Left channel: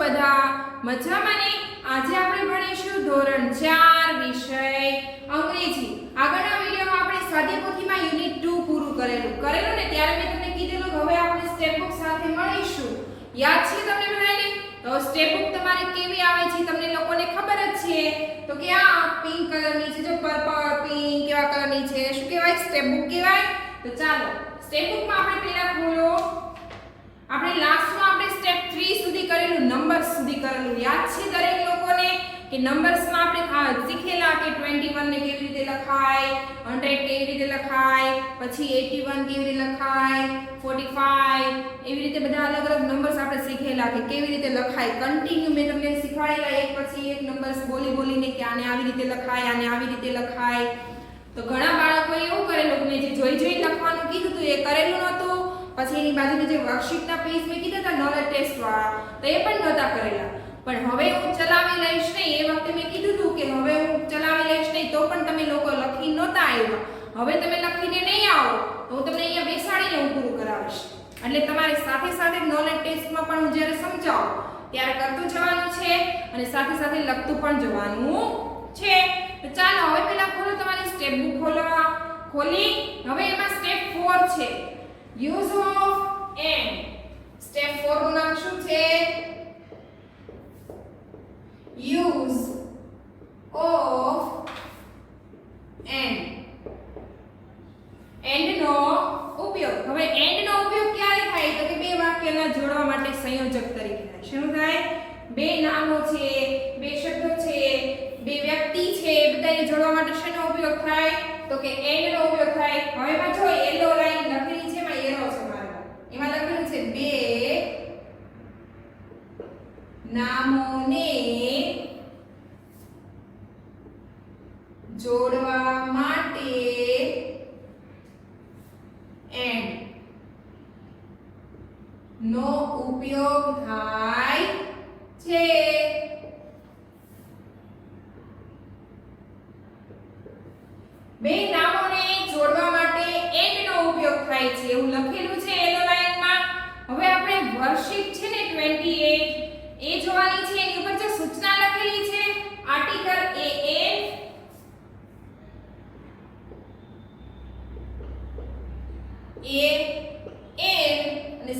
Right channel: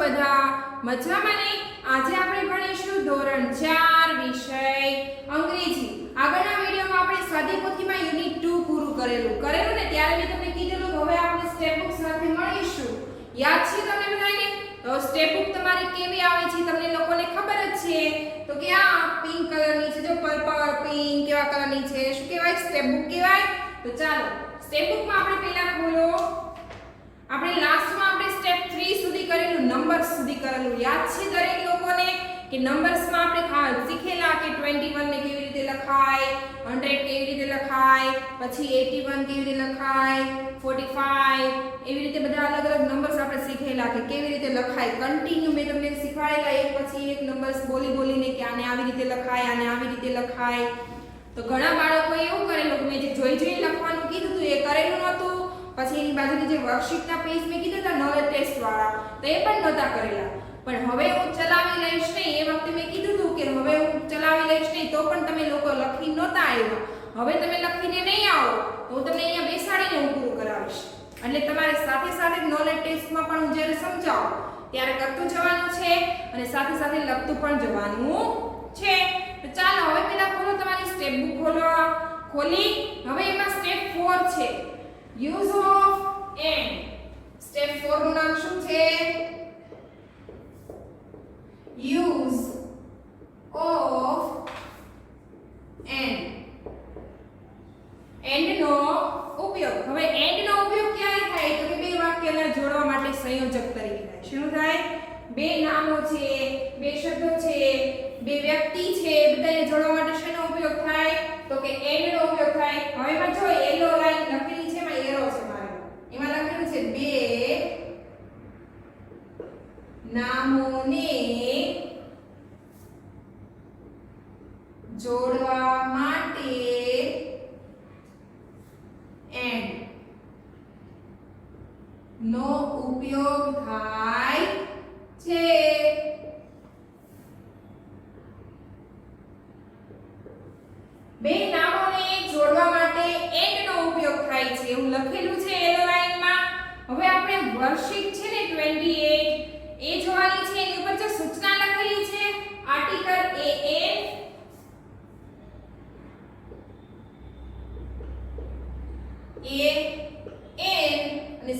બધા મજામાં ને? આજે આપણે ભણીશું ધોરણ 4 વિષય અંગ્રેજી. આગળના વિડિયોમાં આપણે સ્વાધ્યાય પોથીમાં યુનિટ 2 પૂરું કરેલું ને ત્યારે મેં તમને કીધેલું કે હવે આપણે સ્ટેપ બુક સાથે મળીશું. યાદ છે તમને બધાને? તો સ્ટેપ બુક તમારી કેવી આવે છે તમને લોકોને ખબર જ છે. તો કે આ પિંક કલરની છે, જો પર્પલ પિંક કેવા કલરની છે, શું કહેવાય? સ્ટેપ બુક કહેવાય. તો ચાલો સ્ટેપ બુકમાં આપણે પહેલા ખોલો. આપણે લાસ્ટમાં આપણે સ્ટેપ 3 સુધી કરેલું, નંબર્સ સુધી કરેલું યાદ છે દરેક લોકોને? કે નંબર્સમાં આપણે શીખેલા કે 21 ને કેવી રીતે લખાય, 100 કેવી રીતે લખાય, પછી 81 કેવી રીતે લખાય, 45 એવી રીતે બધા અલગ અલગ નંબર્સ આપણે શીખેલા કે કેવી રીતે લખાય. કન્ટિન્યુ મેં તમને શીખવાડેલા એક પછી એક નંબર્સ બોલીને કે આને આવી રીતે લખાય, આને આવી રીતે લખાય. તો ઘણા બાળકોએ એવું કરેલું કે મેં જે જોઈ લખવાનું કીધું હતું એ કરેલું નહોતું. પછી એની બાજુની જે વર્કશીટના પેજ મેં કીધા હતા નોલેજ ટેસ્ટ વાળા, તો એ પણ નહોતા કરેલા. પણ હવે હું ચલાવી લઈશ નહીં, એ વખતે મેં કીધું હતું કે હવે હું ચલાવી લઈશ નહીં, તો પણ તમે લોકો લખી નહોતા આવ્યા. હવે તમે લખીને નહીં આવો તો હું તમને અહીંયા બેસાડીને હું પૂરું કરાવીશ. એટલે તમારે સાથે સાથે નોલેજ ટેસ્ટમાં પણ હું જ્યારે સમજાવું ત્યારે કરતું જવાનું છે અને સાથે સાથે લખતું પણ જવાનું છે. તો ચાલો હવે પહેલા ખોલો તમારી સ્ટેપ બુક ખોલી. હવે એમાં સ્ટેપ 4 છે, યુઝ ઓફ એન્ડ. સ્ટેપ 4 નું નામ શું છે? Use of and. એન્ડ નો ઉપયોગ. હવે એન્ડ નો ઉપયોગ ક્યારે થાય? તો કે બે વાક્યને જોડવા માટે સંયોજક તરીકે થાય. શું થાય? બે નામો છે, બે શબ્દો છે, બે વ્યક્તિ છે, બધાને જોડવા માટે શેનો ઉપયોગ થાય? તો કે એન્ડ નો ઉપયોગ થાય. હવે એમાં જો યેલો લાઈન લખેલી છે, એમાં એરો છે મારા, એમાં લખેલું છે બે નામોને જોડવા માટે એન્ડ નો ઉપયોગ થાય છે. બે નામોને જોડવા માટે એન્ડ નો ઉપયોગ થાય છે એવું લખેલું છે યેલો લાઈનમાં. હવે આપણે વર્કશીટ છે ને 28 એ જોવાની છે. એની ઉપર જે સૂચના લખેલી છે આર્ટિકલ અને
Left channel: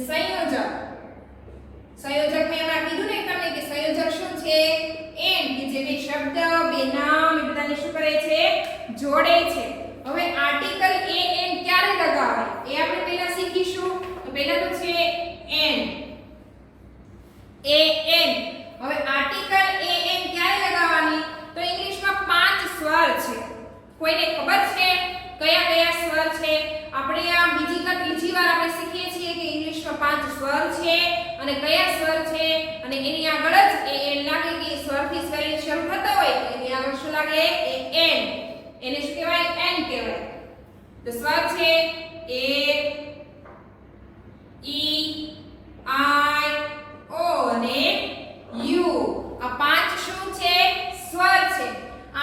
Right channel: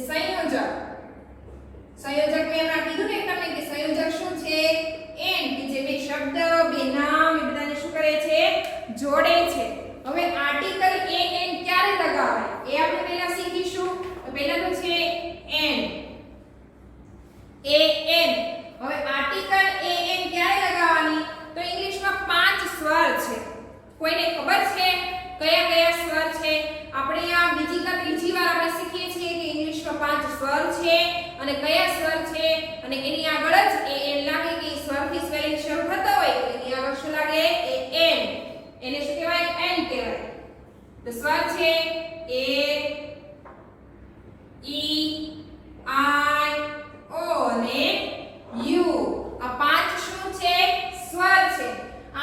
સંયોજક મેં એમાં કીધું ને તમને કે સંયોજક શું છે? એન્ડ, કે જે બે શબ્દ, બે નામ એ બધાને શું કરે છે? જોડે છે. હવે આર્ટિકલ an ક્યારે લગાવાય એ આપણે પહેલા શીખીશું. તો પહેલા તો છે an. હવે આર્ટિકલ an ક્યારે લગાવવાની? તો ઇંગ્લિશમાં 5 સ્વર છે. કોઈને ખબર છે કયા કયા સ્વર છે? આપણે આ બીજી કે ત્રીજી વાર આપણે શીખીએ છીએ કે ઇંગ્લિશમાં 5 સ્વર છે અને કયા સ્વર છે, અને એની આગળ જ an લાગે કે સ્વરથી સ્વર શરૂ થતો હોય તો એની આગળ શું લાગે? an. એને શું કહેવાય? n કહેવાય. તો સ્વર છે a, e, i, o અને u. આ 5 શું છે? સ્વર છે.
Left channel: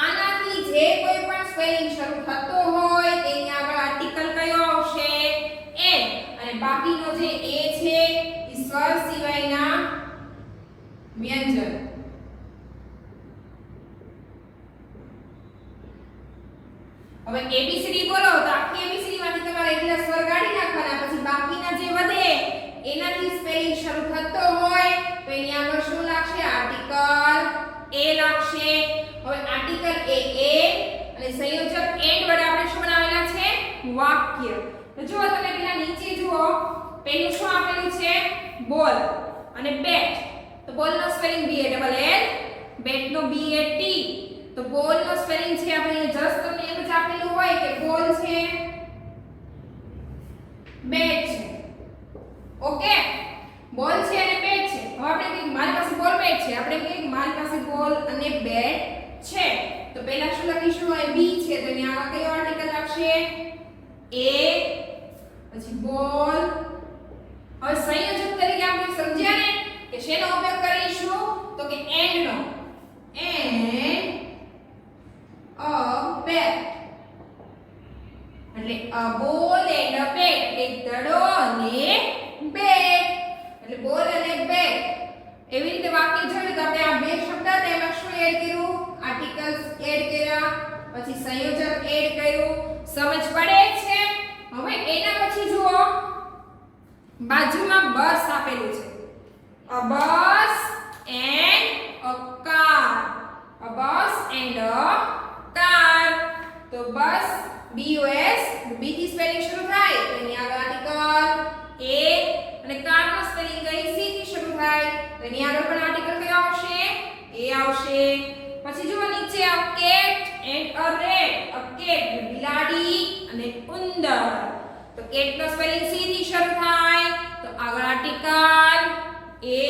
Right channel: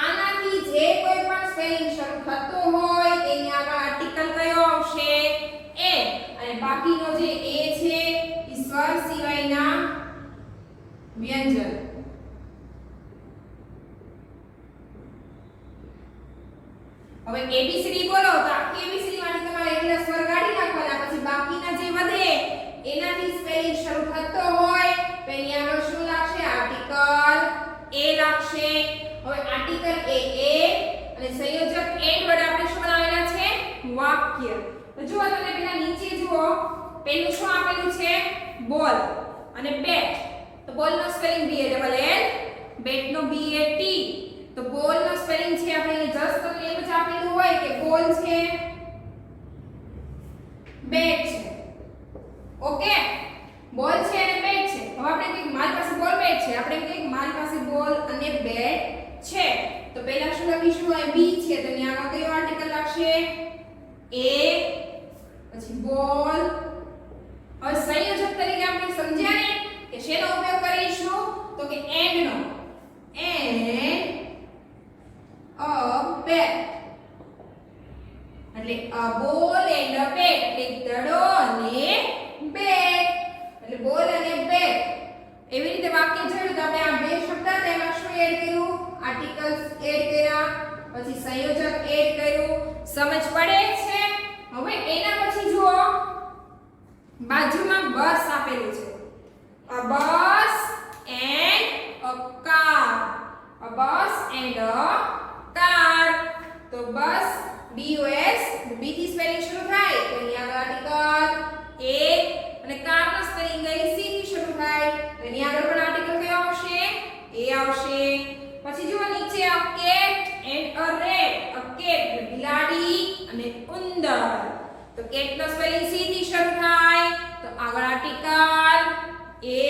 આનાથી જે કોઈ પણ સ્પેલિંગ શરૂ થતો હોય તેની આગળ આર્ટિકલ કયો આવશે? n. અને બાકીનો જે a છે એ સ્વર સિવાયના વ્યંજન. હવે ABCD બોલો તો આખી ABCD માંથી તમારે એટલા સ્વર કાઢી નાખવાના, પછી બાકીના જે વધે એનાથી સ્પેલિંગ શરૂ થતો હોય તો એની આગળ શું લાગશે? આર્ટિકલ a લાગશે. હવે આર્ટિકલ a અને સંયોજક એન્ડ વડે આપણે શું બનાવેલા છે? વાક્ય. તો જો તમે પેલા નીચે જુઓ, પેલું શું આપેલું છે? બોલ અને બેટ. તો બોલ નો spelling B A L L, bat નો B A T. તો બોલ નો સ્પેલિંગ છે આપણે જસ્ટ તમને એમ જ આપેલું હોય કે બોલ છે, બેટ છે. ઓકે, બોલ છે અને બેટ છે. હવે આપણે કહીએ મારી પાસે બોલ બેટ છે, આપણે કહીએ મારી પાસે બોલ અને બેટ છે. તો પહેલા શું લખીશું? અહીં B છે તો એની આગળ કયો આર્ટિકલ લાગશે? A, પછી બોલ. હવે સંયોજક તરીકે આપણે સમજ્યા ને કે શેનો ઉપયોગ કરીશું? તો કે એન્ડ નો. And a bat. એટલે a ball and a bat, એટલે દડો અને બેટ. એટલે બોલ અને બેટ એવી રીતે વાક્ય જોયું તો આપણે આ બે શબ્દ હતા એમાં શું એડ કર્યું? આર્ટિકલ્સ એડ કર્યા, પછી સંયોજક એડ કર્યું. સમજ પડે છે? હવે એના પછી જુઓ બાજુમાં બસ આપેલું છે. A bus and a car. A bus and a car. તો બસ BUS B થી સ્પેલિંગ શરૂ થાય તો એની આગળ આર્ટિકલ A અને કાર નો સ્પેલિંગ C થી શરૂ થાય તો એની આગળ પણ આર્ટિકલ કયો આવશે? A આવશે. પછી જુઓ નીચે આ cat and a rat. A cat બિલાડી અને ઉંદર. તો cat નો સ્પેલિંગ C થી શરૂ થાય તો આગળ આર્ટિકલ A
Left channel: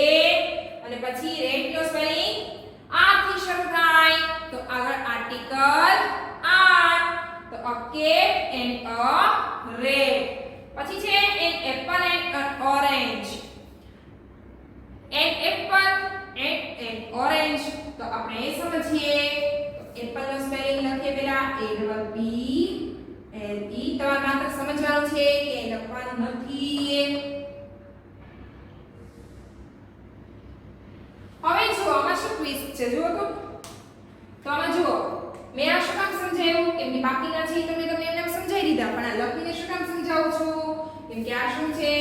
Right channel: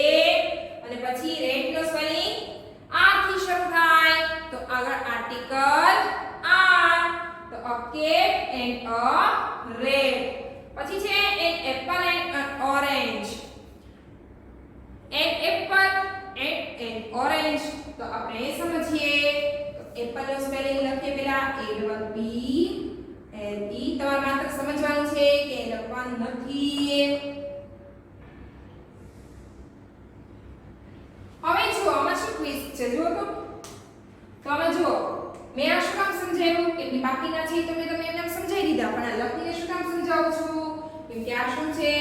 અને પછી rat નો સ્પેલિંગ R થી શરૂ થાય તો આગળ આર્ટિકલ R. તો a cat and a rat. પછી છે an apple and an orange. An apple and an orange. તો આપણે એ સમજીએ તો એપલ નો સ્પેલિંગ લખીએ પહેલા A double P L E. તમારે માત્ર સમજવાનું છે કે લખવાનું નથી. હવે જુઓ આમાં શું ટ્વિસ્ટ છે જુઓ તો આમાં જુઓ મેં આ શું કામ સમજાવ્યું કેમ કે બાકીના છે તમે એમને સમજાવી દીધા પણ આ લખીને શું કામ સમજાવું છું કેમ કે આ શું છે?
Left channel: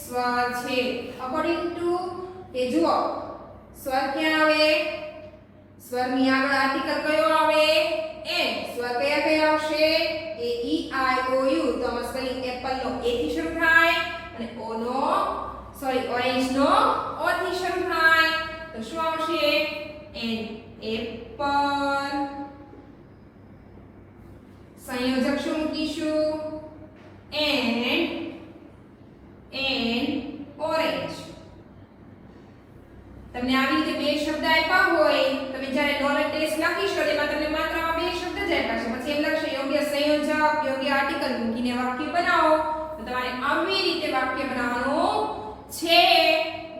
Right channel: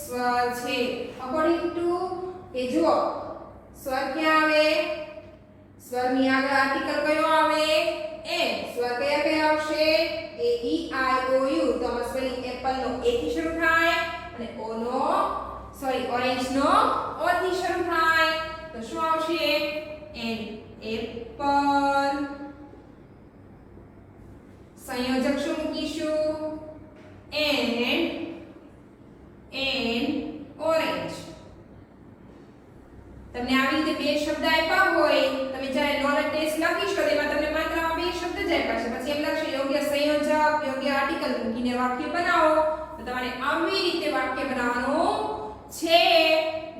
સ્વર છે. અકોર્ડિંગ ટુ કે જુઓ સ્વર ક્યાં આવે? સ્વરની આગળ આર્ટિકલ કયો આવે? એ. સ્વર કયા કયા આવશે? A E I O U. તો આમાં સ્પેલિંગ એપલ નો A થી શરૂ થાય અને ઓરેન્જ નો O થી શરૂ થાય તો શું આવશે? An apple. સંયોજક શું મૂકીશું? An orange. તમને આવી રીતે બે શબ્દ આપ્યા હોય તમે જ્યારે નોલેજ ટેસ્ટ લખીશો એમાં તમને માત્રામાં બે શબ્દ જ આપ્યા છે પછી એમ લખશો યોગ્ય સંયોજક યોગ્ય આર્ટિકલ મૂકીને વાક્ય બનાવો તો તમારે આવી રીતે વાક્ય બનાવવાનું છે.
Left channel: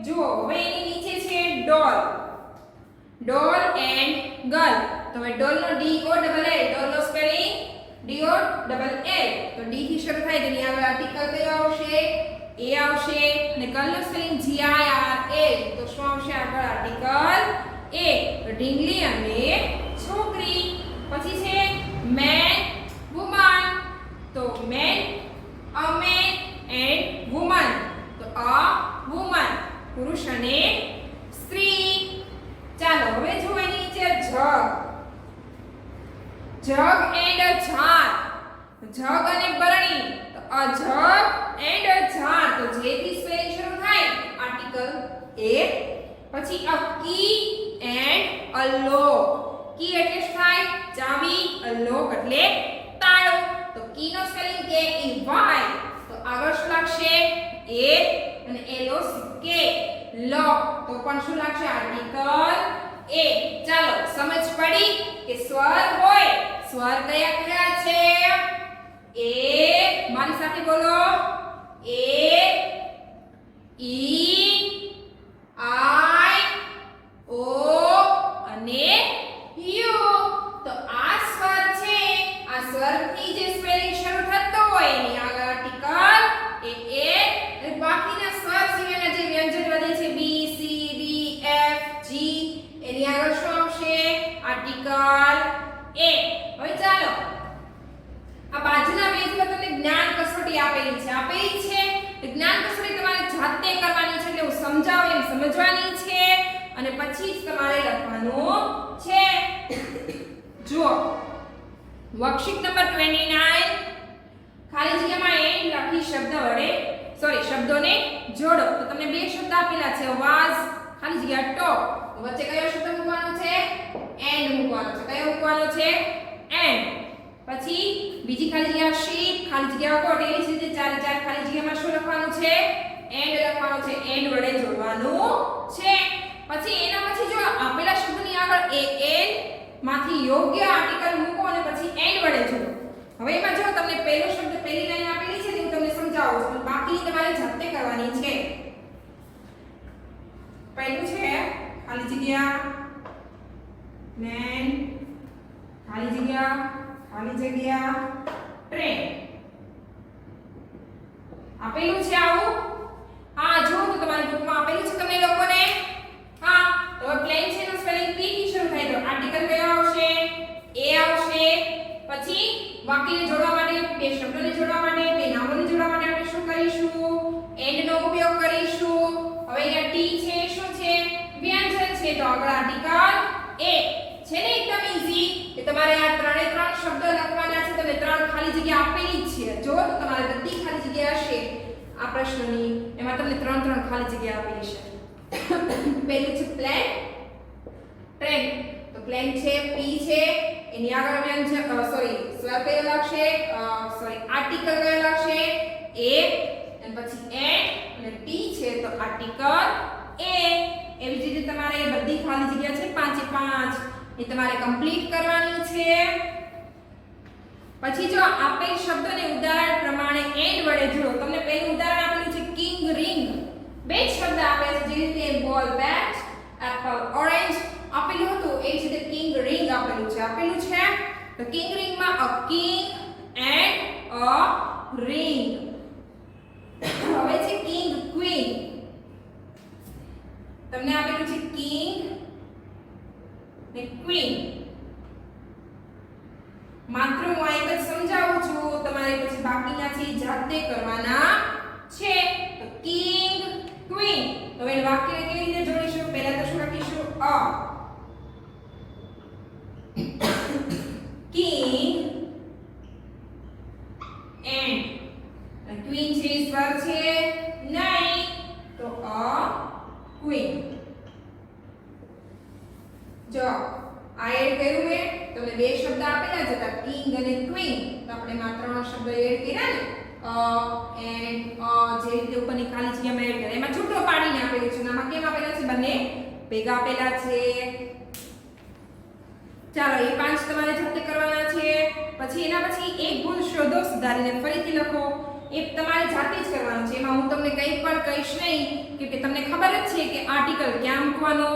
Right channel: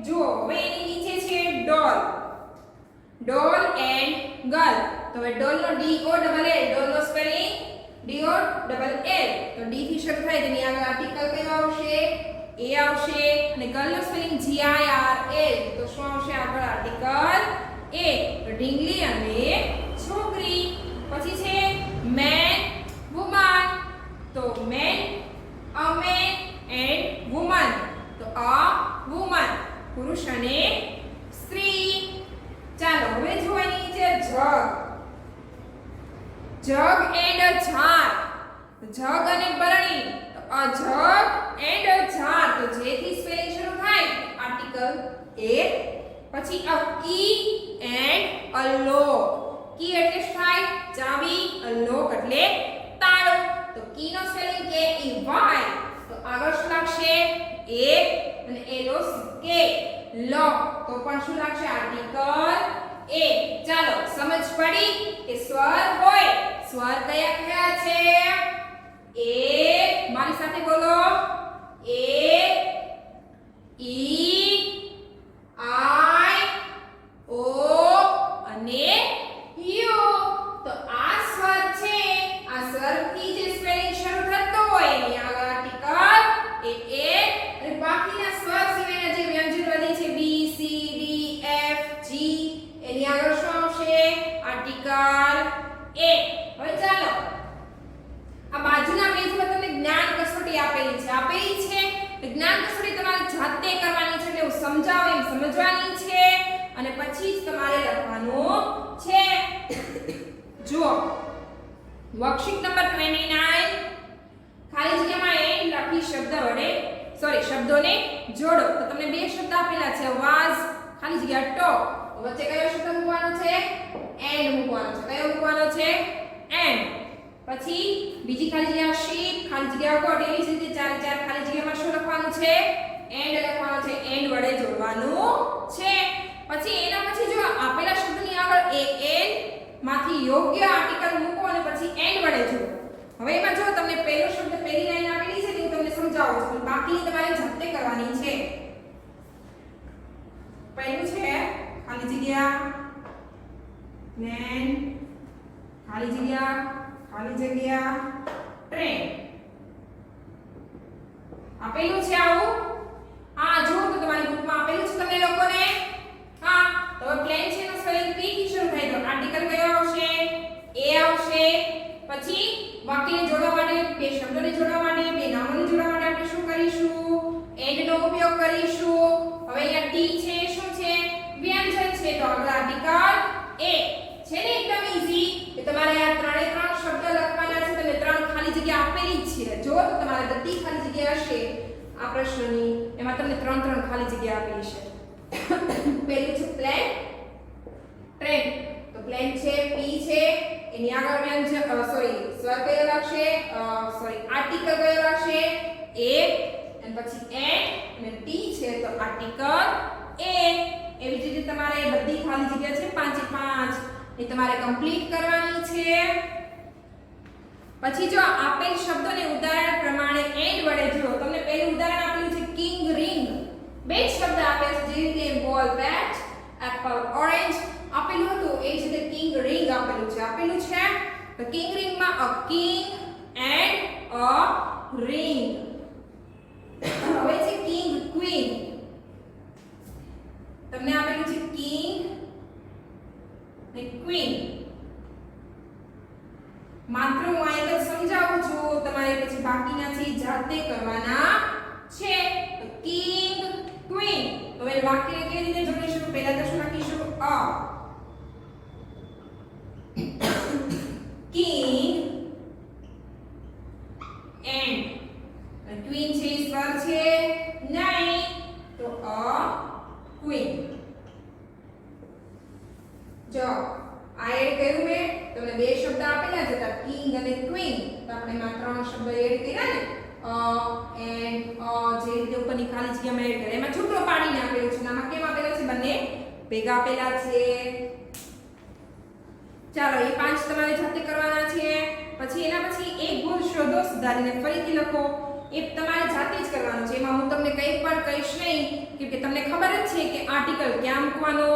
જુઓ હવે એની નીચે છે ડોલ. ડોલ એન્ડ ગર્લ. તો હવે ડોલ નો D O double L. Doll નો spelling D O double L. તો D થી શરૂ થાય તેની આગળ આર્ટિકલ કયો આવશે? A આવશે અને ગર્લ નો spelling G I R L. તો શું આવશે આગળ આર્ટિકલ A. તો ઢીંગલી અને છોકરી. પછી છે મેન વુમન. તો main a man and woman. તો a woman પુરુષ અને સ્ત્રી. ચાલો હવે જો એની નીચે જગ. જગ એન્ડ જાર. જગ અને બરણી. તો અ જગ એન્ડ જાર. તો જે થી સ્પેલિંગ શરૂ થાય આર્ટિકલ A. પછી અ કી એન્ડ અ લોક. કી એટલે શું થાય? ચાવી. અ લોક એટલે તાળો. તો કી નો સ્પેલિંગ K E Y. તો આગળ શું લાગશે? A અને L O C K. લોક. તો પણ શું લાગશે? Article A. ચાલો સમજ પડી કે સ્વર હોય સ્વર કયા કયા છે? A. મારી સાથે બોલો. A E I O અને U. તો આ સ્વર છે આ સ્વરથી જે સ્પેલિંગ શરૂ થતો હોય એની આગળ આર્ટિકલ A. અને બાકીના સ્વર સિવાયના જે વ્યંજન વધે છે B C D F G એની આગળ શું આવશે? Article A. હવે ચાલો આ બાજુના પેજ પર તમને જ્ઞાન કસોટી આપેલી છે. જ્ઞાન કસોટી તમારે જાતે કરવાની છે એટલે હું સમજાવું એમ સમજવાની છે અને પછી જ તમારે લખવાનું છે. જુઓ વર્કશીટ નંબર 29 ખાલી જગ્યામાં એન્ડ લખી શબ્દોને જોડો. તો તમને બે શબ્દ આપેલા છે વાઝ ખાલી જગ્યા ટોક. વચ્ચે કયો શબ્દ મૂકવાનો છે? એન્ડ મૂકવાનો છે. કયો મૂકવાનો છે? એન્ડ. પછી બીજી ખાલી જગ્યા શીપ ખાલી જગ્યા કોટ. એવી જ રીતે ચારે ચાર ખાલી જગ્યામાં શું લખવાનું છે? એન્ડ લખવાનું છે. એન્ડ વડે જોડવાનું છે. પછી એના પછી જો આપેલા શબ્દની આગળ an માંથી યોગ્ય આર્ટિકલ મૂકો અને પછી એન્ડ વડે જોડો. હવે એમાં જો તમને પહેલો શબ્દ પહેલી લાઈન આપેલી છે તે હું તમને સમજાવું છું પણ બાકીની તમારે જાતે કરવાની છે. પહેલું છે ખાલી જગ્યા વેન ખાલી જગ્યા ટ્રેન. આપેલું છે આવું. હા જો તો તમારી ગ્રુપમાં આપેલું છે તમે લોકોને પછી વાક્યને જોડવા માટે, બે શબ્દોને જોડવા માટે, બે નામોને જોડવા માટે આપણે શું કરીશું? એન્ડ નો ઉપયોગ કરીશું. હવે અહીંયા ટી છે શું છે? વ્યંજન છે, તો આગળ આર્ટિકલ એ છે ને. એકદમ ઈઝી કે તમારે આ ત્રણે ત્રણ શબ્દ લખવાના છે. તમને ત્રણ ખાલી જગ્યા આપેલી જ છે. જો તો તમારે બધી ખાલી જગ્યા હશે આ પ્રશ્નની, એમાં તમને ત્રણ ત્રણ ખાલી જગ્યા આપેલી છે. પહેલું છે પ્લેન, ટ્રેન. તો પ્લેન છે, પી છે, એની આગળ વ્યંજન સ્વર કયો લાગશે? આર્ટિકલ કયો લાગશે? એ. અને પછી એન્ડ અને ટી છે તો આર્ટિકલ એ. એવી જ રીતે તમારે બધી ખાલી જગ્યા છે પાંચે પાંચ એ તમારે કમ્પ્લીટ કરવાની છે. પછી જો આપેલ શબ્દોને ઉદાહરણ પ્રમાણે એન્ડ વડે જોડો. તમને પહેલું ઉદાહરણ આપેલું છે કિંગ રિંગ. બે શબ્દ આપેલ છે, જે રીતે બોલ બેટ, એપલ ઓરેન્જ આપેલું હતું, એ જ રીતે કિંગ રિંગ આપેલું છે. આપેલું છે તો કિંગ રિંગ માં અ કિંગ એન્ડ અ રિંગ. હવે છે કિંગ ક્વીન. તમને આપેલું છે કિંગ ને ક્વીન. માત્ર હું આગળ સમજાવું છું, તમારે પછી બાકીના છે જાતે કરવાના છે. તો કિંગ ક્વીન. હવે વાક્ય કેવી રીતે જોડીશું? પહેલા તો શું લખીશું? અ કિંગ એન્ડ ક્વીન છે સ્વર છે નહીં, તો અ ક્વીન. જો આ એડ કર્યું મેં. તમને બે શબ્દ આપેલા જ હતા કિંગ અને ક્વીન, તો આપણે માત્રનો શબ્દ એડ કર્યા ને. એન્ડ જે રીતે ઉપરની ખાલી જગ્યા મેં એડ કર્યા, એમાં છૂટો પાડી નાખેલું છે. આમાં કેમ આપેલા છે? બંને ભેગા આપેલા છે. ચાલો એ પાંચ તમારે જાતે કરવાના છે. પછી એના પછી એક ભૂલ શોધો, સુધારીને ફરીથી લખો. એ તમારે જાતે જ કરવાનું છે. એમાં હું તમને કંઈ પણ કહીશ નહીં, કે તમને ખબર જ છે કે આર્ટિકલ ક્યાં મૂકવાનો,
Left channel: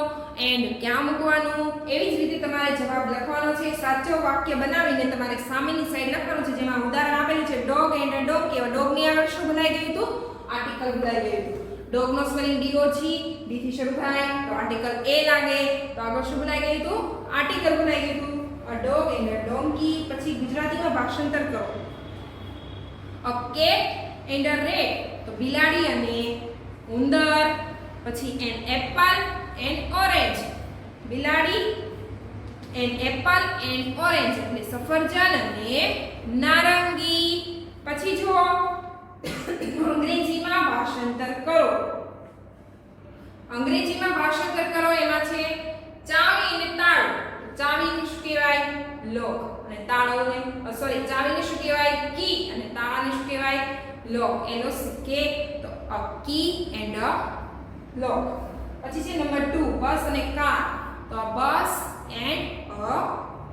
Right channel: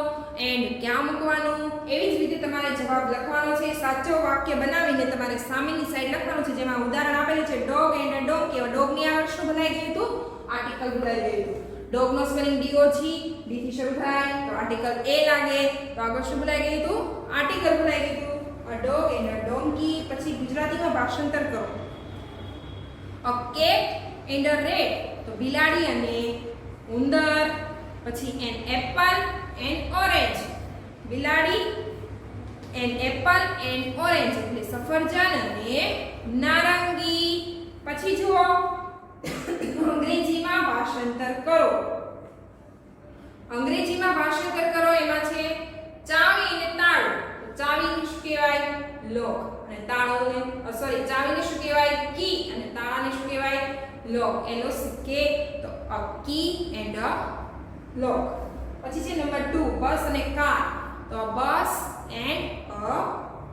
એન્ડ ક્યાં મૂકવાનું. એવી જ રીતે તમારે જવાબ લખવાનો છે. સાચો વાક્ય બનાવીને તમારે સામેની સાઈડ લખવાનું છે. જેમાં ઉદાહરણ આપેલું છે dog and a donkey. Dog ની આગળ શું ભૂલાઈ ગયું હતું? આર્ટિકલ ભૂલાઈ ગયું હતું. ડોગ નો સ્પેલિંગ DOG, ડી થી શરૂ થાય તો આર્ટિકલ એ લાગે. તો આગળ શું ભૂલાઈ ગયું હતું? આર્ટિકલ ભૂલાઈ ગયું હતું. A dog and a donkey. પછી ગુજરાતીમાં ભાષાંતર કરો. A cat and a rat. તો બિલાડી અને ઉંદર. પછી એન એપલ એન્ડ ઓરેન્જ. બિલાડી એન્ડ એપલ એન્ડ ઓરેન્જ એટલે સફરજન અને નારંગી. પછી જુઓ અંગ્રેજીમાં ભાષાંતર કરો. અંગ્રેજીમાં ભાષાંતર કરો. એમાં છે ચાવી અને તાળું. ચાવીને શું કહેવાય? લોક. અને તાળોને ચાવીને શું કહેવાય? કી. અને તાળાને શું કહેવાય? લોક. LOCK. તો અ કી એન્ડ અ લોક. પછી છે નંબર 2 બસ અને કાર. તો બસ એન્ડ અ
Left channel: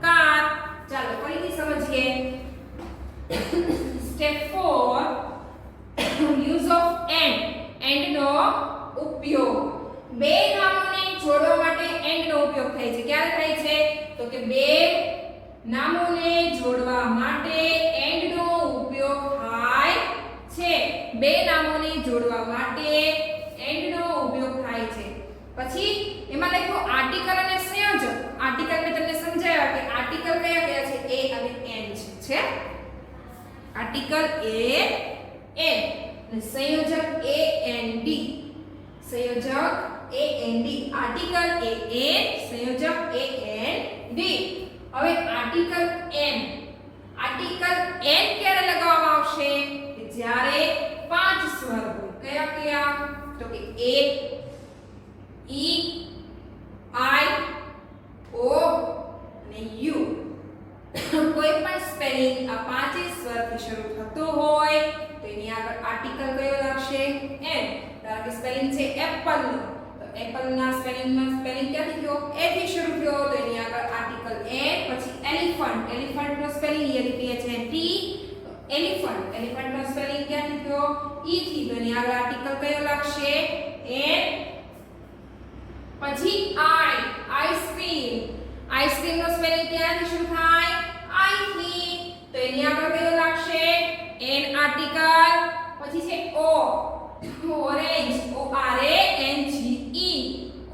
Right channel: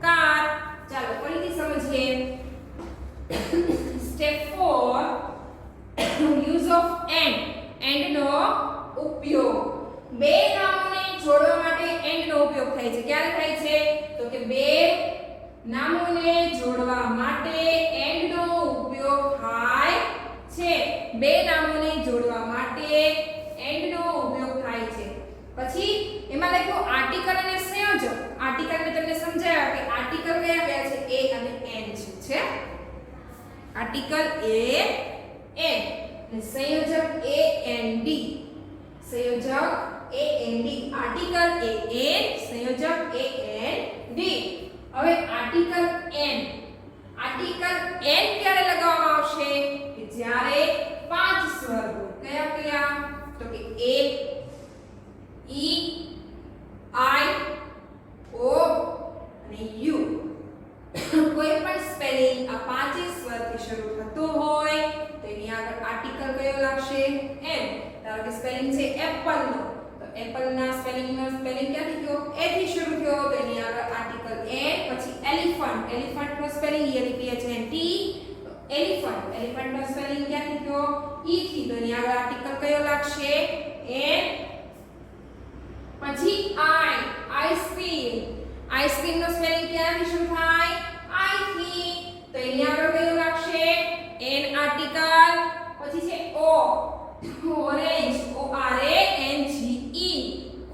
કાર. ચાલો ફરીથી સમજીએ. સ્ટેપ 4 યુઝ ઓફ એન્ડ નો ઉપયોગ. બે નામોને જોડવા માટે એન્ડ નો ઉપયોગ થાય છે. ક્યારે થાય છે? તો કે બે નામોને જોડવા માટે એન્ડ નો ઉપયોગ થાય છે. બે નામોને જોડવા માટે એન્ડ નો ઉપયોગ થાય છે. પછી એમાં લખ્યું આર્ટિકલ અને સંયોજક. આર્ટિકલ મેં તમને સમજાવ્યા કે આર્ટિકલ કયા કયા છે? એ અને એન છે. આર્ટિકલ એ એન અને સંયોજક એ એન ડી. સંયોજક A N D. Article A N, સંયોજક એ એન ડી. હવે આર્ટિકલ એન. આર્ટિકલ એન ક્યારે લગાવવામાં આવશે? કે જ્યારે પાંચ સ્વર હોય. કયા કયા? તો કે એ, ઈ, આઈ, ઓ અને યુ. કોઈ પણ સ્પેલિંગ આ પાંચે સ્વરથી શરૂ થતો હોય તો એની આગળ આર્ટિકલ કયો લાગશે? એન. ધારો કે સ્પેલિંગ છે એપલ નો, તો એપલ ના સ્પેલિંગ ક્યાંથી થયો? એ થી શરૂ થયો, તો એની આગળ આર્ટિકલ એન. પછી એલિફન્ટ. એલિફન્ટ નો સ્પેલિંગ ELEPHANT. તો એલિફન્ટ. એલિફન્ટ નો સ્પેલિંગ ક્યાંથી થયો? ઈ થી, તો એની આગળ આર્ટિકલ કયો લાગશે? એન. પછી આઈ. આઈસ્ક્રીમ. આઈસ્ક્રીમ નો સ્પેલિંગ ક્યાંથી શરૂ થાય? આઈ થી, તો એની આગળ કયો લાગશે? An article. પછી છે ઓ. ઓરેન્જ. ORANGE.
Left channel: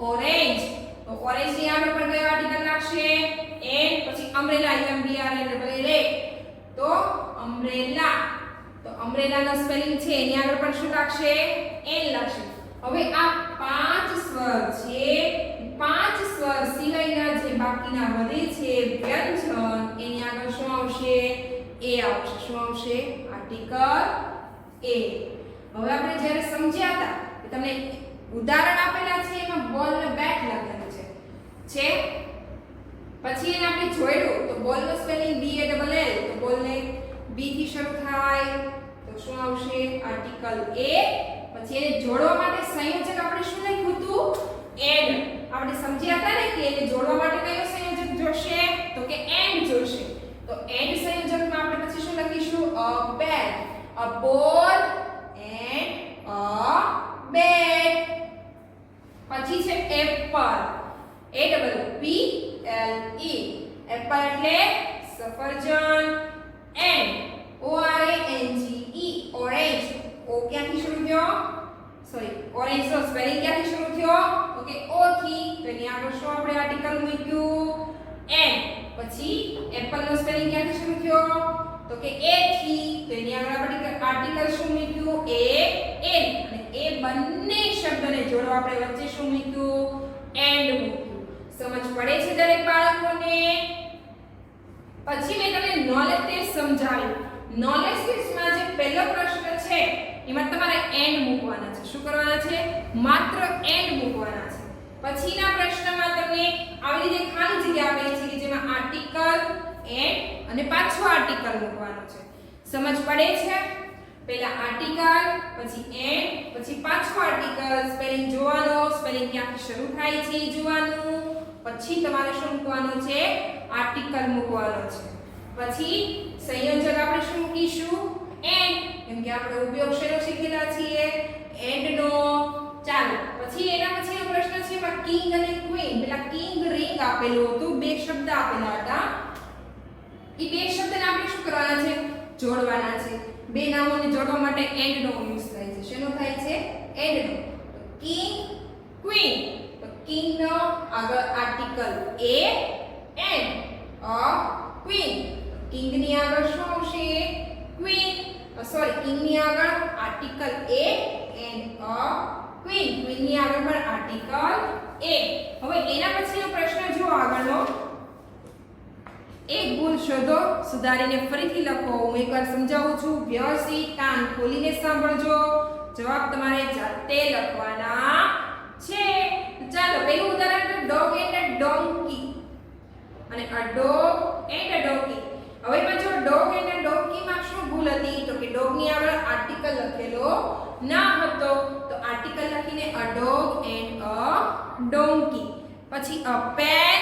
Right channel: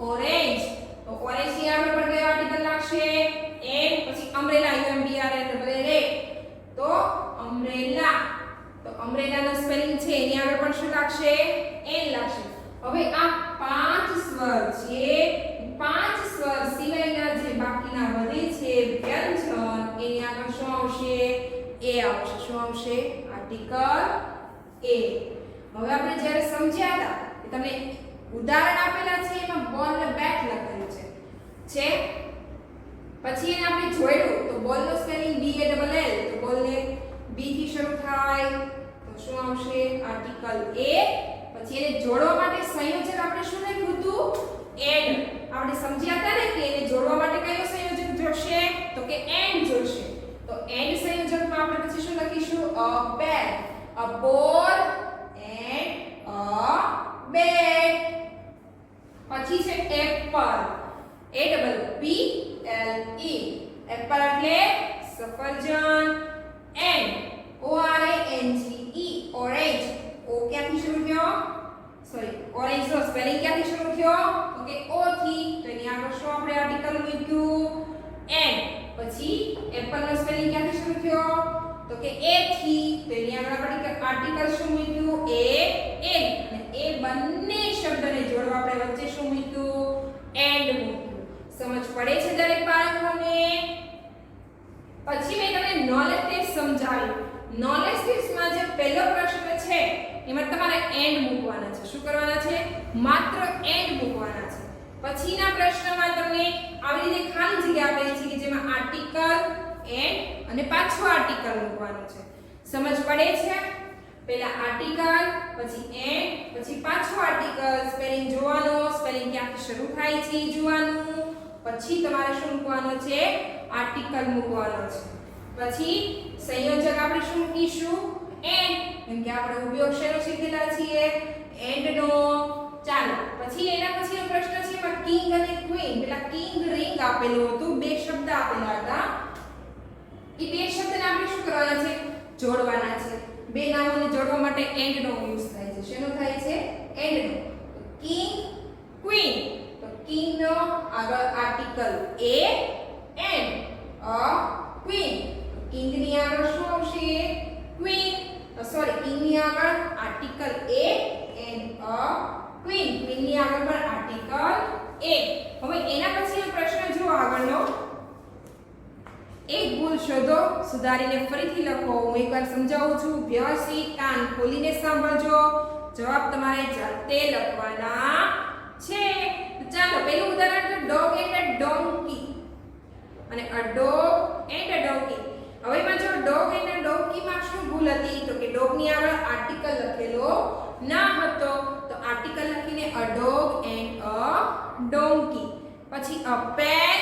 ઓરેન્જ. તો ઓરેન્જ ની આગળ પણ કયો આર્ટિકલ લાગશે? એન. પછી અમ્બ્રેલા. UMBRELA. તો અમ્બ્રેલા. તો અમ્બ્રેલા નો સ્પેલિંગ છે એની આગળ પણ શું લાગશે? એન લાગશે. હવે આ 5 સ્વર છે, 5 સ્વર સિવાયના જે બાકીના વધે છે વ્યંજન એની આગળ શું આવશે? એ આવશે. શું આવશે? આર્ટિકલ એ. હવે આપણે જ્યારે સમજ્યા હતા કે તમને ઉદાહરણ આપેલા છે એમાં બોલ ને બેટ લખેલું છે પછી એને આપણે જોડ્યું તો બોલ નો spelling B A L L, તો બોલ ને B થી શરૂ થાય તો શું આવશે? આર્ટિકલ એ. પછી એને જોડવા માટે સંયોજક આપણે શું લખ્યું હતું? એન્ડ. આપણે સમજ્યા હતા ને કે એને જોડવા માટે કયો સંયોજક જોડશે? તો કે એન્ડ જોડશે. તો એન્ડ સંયોજકમાં આપણે પછી શું લખીશું? અ બેટ, અ બોલ એન્ડ અ બેટ. પછી છે એપલ, APPLE, એપલ એટલે સફરજન. And ORANGE, orange. ઓ ક્યાંથી શરૂ થયો? સોરી, ઓરેન્જ નો સ્પેલિંગ ક્યાંથી શરૂ થયો? તો કે ઓ થી. તો એની આગળ શું આપણે આર્ટિકલ મૂક્યું? એન્ડ. પછી એપલ નો સ્પેલિંગ ક્યાંથી શરૂ થયો? તો કે એ થી. તો એની આગળ આપણે આર્ટિકલ શું મૂક્યું? A N. અને એ બંને શબ્દને જોડવા આપણે વચ્ચે શું મૂક્યું? એન્ડ મૂક્યું. સમજ પડે છે દરેક બાળકોને? પછી મેં તમને નોલેજ ટેસ્ટ સમજાવ્યું. નોલેજ ટેસ્ટમાં જે પહેલો પ્રશ્ન છે એમાં તમારે એન્ડ મૂકવાના છે. શું કરવાના છે? માત્ર એન્ડ મૂકવાના છે. પછીના પ્રશ્નમાં તમને આવી રીતે ખાલી જગ્યા આપેલી છે કે જેમાં આર્ટિકલ, એન્ડ અને પાછો આર્ટિકલ મૂકવાનું છે. સમજ પડે છે? પહેલા આર્ટિકલ, પછી એન્ડ, પછી પાછો આર્ટિકલ. સ્પેલિંગ જોવાનો, સ્પેલિંગ ક્યાંથી શરૂ થાય છે એ જોવાનું. પછી તમારે શું મૂકવાનું છે? આર્ટિકલ મૂકવાનો છે. પછી સંયોજક આપણે શું મૂકીશું? એન્ડ. કેમ કે આપણે ઉપયોગ શેનો શીખેલા છીએ? એન્ડ નો. ચાલો પછી એના પછીનો પ્રશ્ન છે એમાં કિંગ અને ક્વીન. પેલા કિંગ રિંગ આપેલું હતું, બે શબ્દ આપેલા હતા. એ બે શબ્દને આપણે શું કરવાના છે? જોડવાના છે. બે નામોને જોડવા માટે એન્ડ નો યુઝ થાય છે. શેનો થાય છે? એન્ડ નો. તો કિંગ, ક્વીન. તો કિંગ નો આગળ article A and a queen. King ની આગળ શું આવશે? ક્વીન. સોરી, કિંગ ની આગળ article A and a queen. Queen ની આગળ પણ આર્ટિકલ એ. હવે એના પછીનો પ્રશ્ન જો આગળનો. એક ભૂલ શોધો, સુધારીને ફરીથી લખો. હું એકવાર સમજાવું છું, વ્યવસ્થિત કાન ખોલીને સાંભળજો. જવાબ તમારે જાતે લખવાના છે. ચાલો પહેલું ઉદાહરણ ડોગ એન્ડ અ ડોંકી અને a dog and a donkey. હવે એમાં જો ડોગ એન્ડ અ ડોંકીમાં શું ભૂલ હતી? તો કે ડોગ ની આગળ આર્ટિકલ લખેલો ના હતો. તો આર્ટિકલ લખીને a dog and a donkey. પછી અ પેન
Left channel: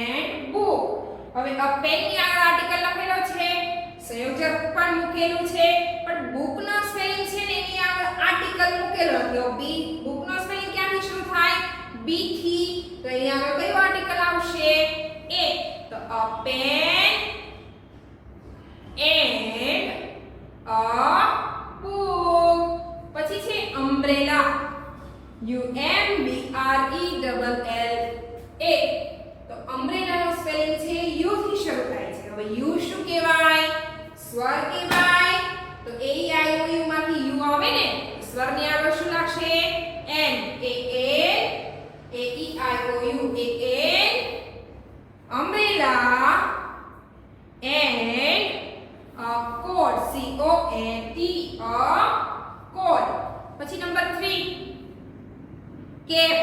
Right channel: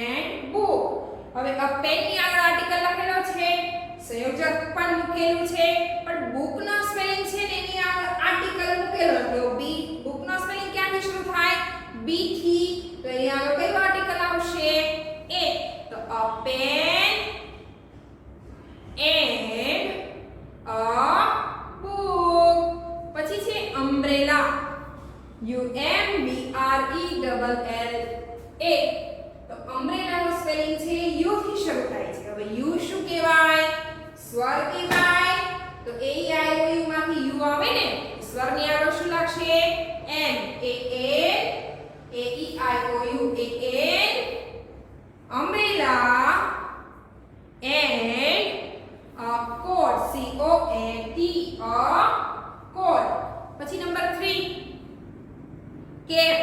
એન્ડ બુક. હવે અ પેન ની આગળ આર્ટિકલ લખેલો છે, સંયોજક પણ મૂકેલું છે, પણ બુક નો સ્પેલિંગ છે ને એની આગળ આર્ટિકલ મૂકેલો હતો. બી. બુક નો સ્પેલિંગ ક્યાંથી શરૂ થાય? બી થી. તો એની આગળ કયો આર્ટિકલ આવશે? એ. તો a pen and a book. પછી છે umbrella, UMBRELLA. તો umbrella નો સ્પેલિંગ છે યુ થી શરૂ થાય છે. હવે યુ શું કહેવાય? સ્વર કહેવાય. તો એ ઈ આઈ ઓ યુ માંથી યુ આવે ને, સ્વર ની આગળ શું લાગશે? An. A an, A E I O U, a an, umbrella and a coat, COAT, a coat. પછી number 3 cap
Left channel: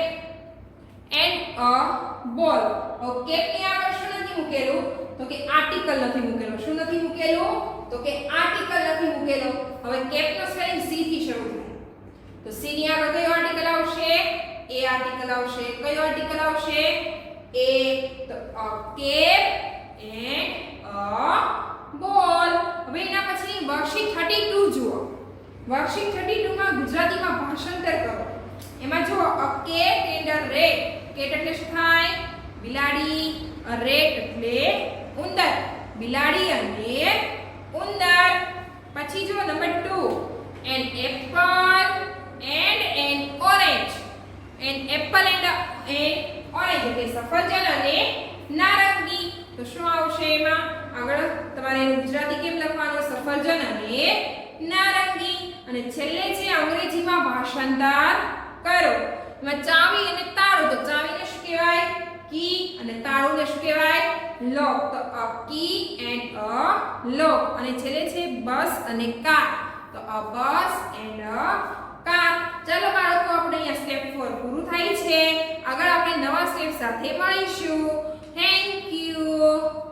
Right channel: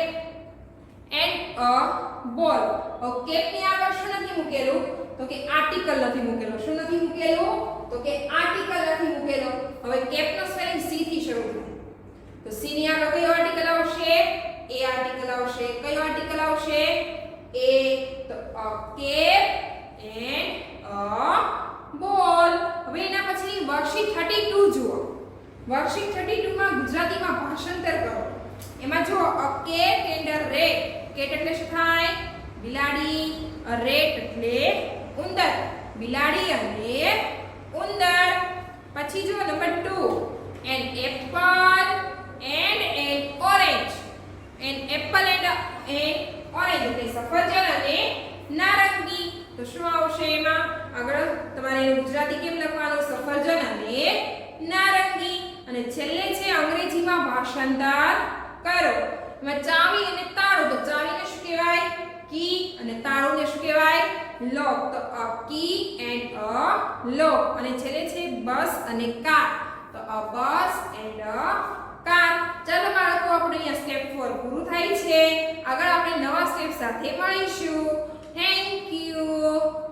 and a ball. હવે કેપ ની આગળ શું નથી મૂકેલું? તો કે આર્ટિકલ નથી મૂકેલો. શું નથી મૂકેલું? તો કે આર્ટિકલ નથી મૂકેલો. હવે કેપ નો સ્પેલિંગ સી થી શરૂ થાય. તો સી ની આગળ કયો આર્ટિકલ આવશે? એ આર્ટિકલ આવશે. કયો આર્ટિકલ આવશે? એ. તો a cap and a ball. હવે એના પછી વર્કશીટ 32 જુઓ. વર્કશીટ 32 માં ગુજરાતીમાં ભાષાંતર કરો. એમાં જો a cat and a rat. Cat એટલે શું થાય? બિલાડી. અ રેટ એટલે ઉંદર. બિલાડી અને ઉંદર. પછી જો number 2 an apple and N orange. An apple and orange એટલે સફરજન અને નારંગી. તો શું આવશે એમાં? આગળ તમારે ગુજરાતી કેમ લખવાનું? સફરજન અને નારંગી. અને છેલ્લે છે અંગ્રેજીમાં ભાષાંતર કરો. એમાં ચાવી અને તાળું, તો ચાવીને શું કહેવાય? કી. અને તાળુંને શું કહેવાય? લોક. તો અ કી એન્ડ અ લોક. અને છેલ્લે છે બસ અને કાર, તો અ બસ એન્ડ અ કાર. ચાલો બાળકો, આપણે અહીંયા સ્ટેપ 4 પૂરું થાય છે. આગળ આપણે નવા સ્ટેપ સાથે મળીશું. Thank you.